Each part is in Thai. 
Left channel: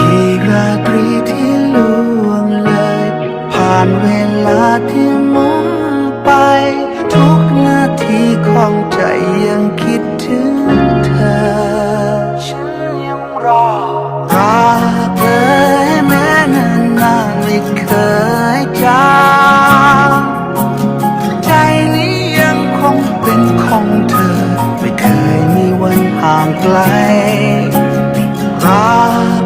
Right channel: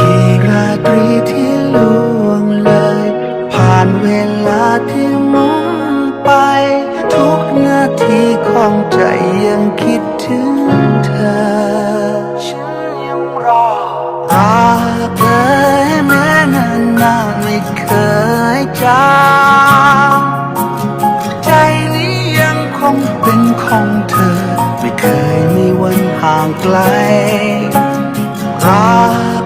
กี่ราตรีที่ล่วงเลย ผ่านเวลาที่มุนไป ทุกนาทีของใจยังคิดถึงเธอ ฉันยังรอรักเอ่ยแม้นานนานไม่เคยจางใจนี้ยังคงเป็นของเธอ ไม่เคยมีวันห่างไกลรัก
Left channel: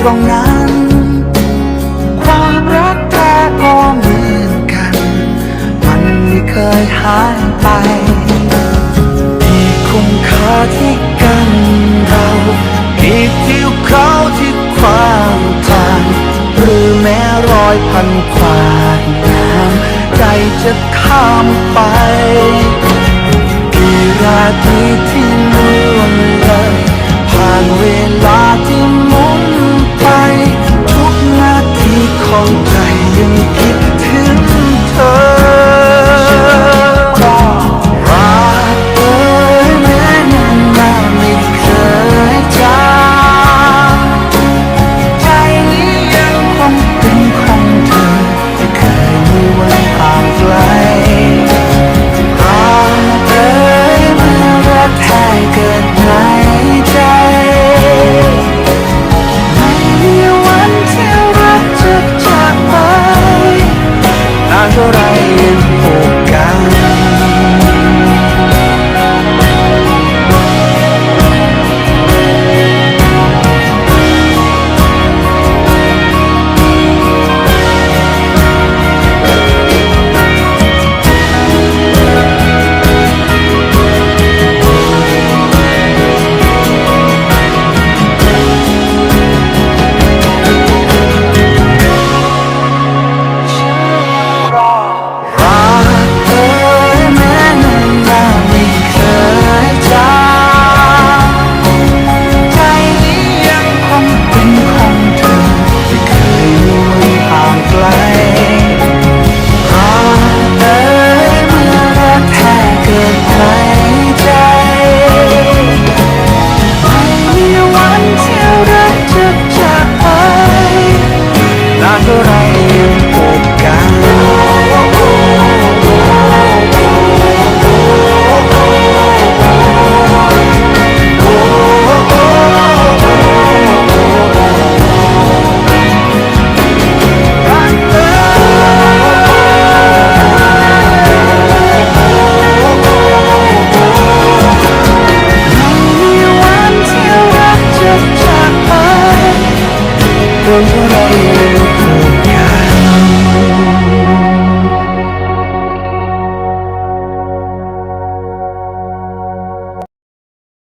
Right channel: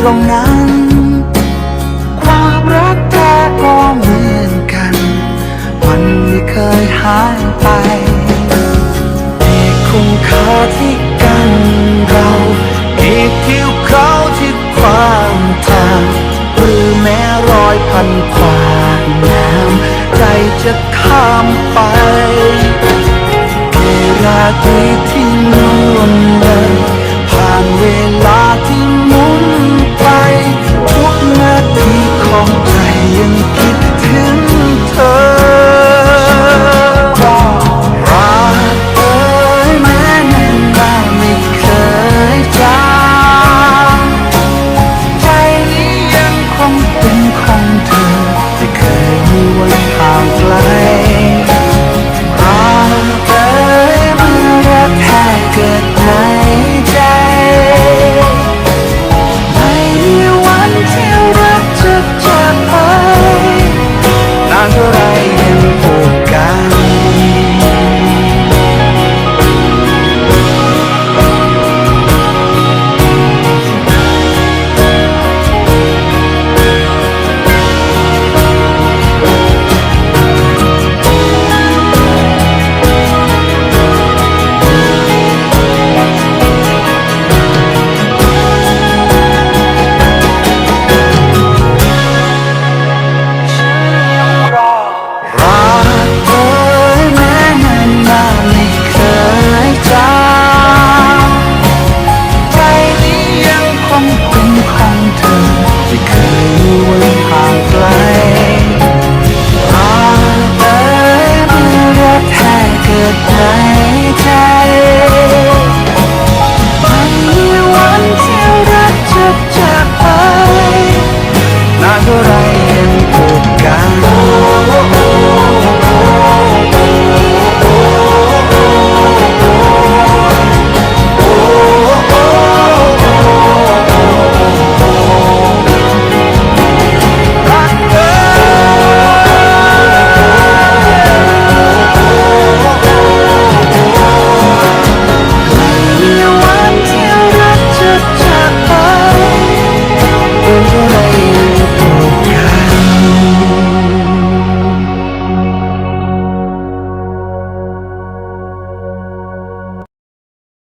ตรงนั้น ความรักแท้ก็เหมือนกัน มันไม่เคยหายไปกี่คุ้มค่าที่กันเรากี่ทิวเขาที่ขวางทาง หรือแม้รอยพันขวากน้ำใจจะข้ามไปกี่ราตรีที่ล่วงเลยผ่านเวลาที่ ของใจยังคิดถึงเธอ รักเอ่ยแม้นานนาไม่เคยจางใจนี้ยังคงเป็นของเธอ ไม่เคยมีวันห่างไกลรักเอ่ยเมื่อรักแท้เกิดใน เท่าไรยังผูกกัน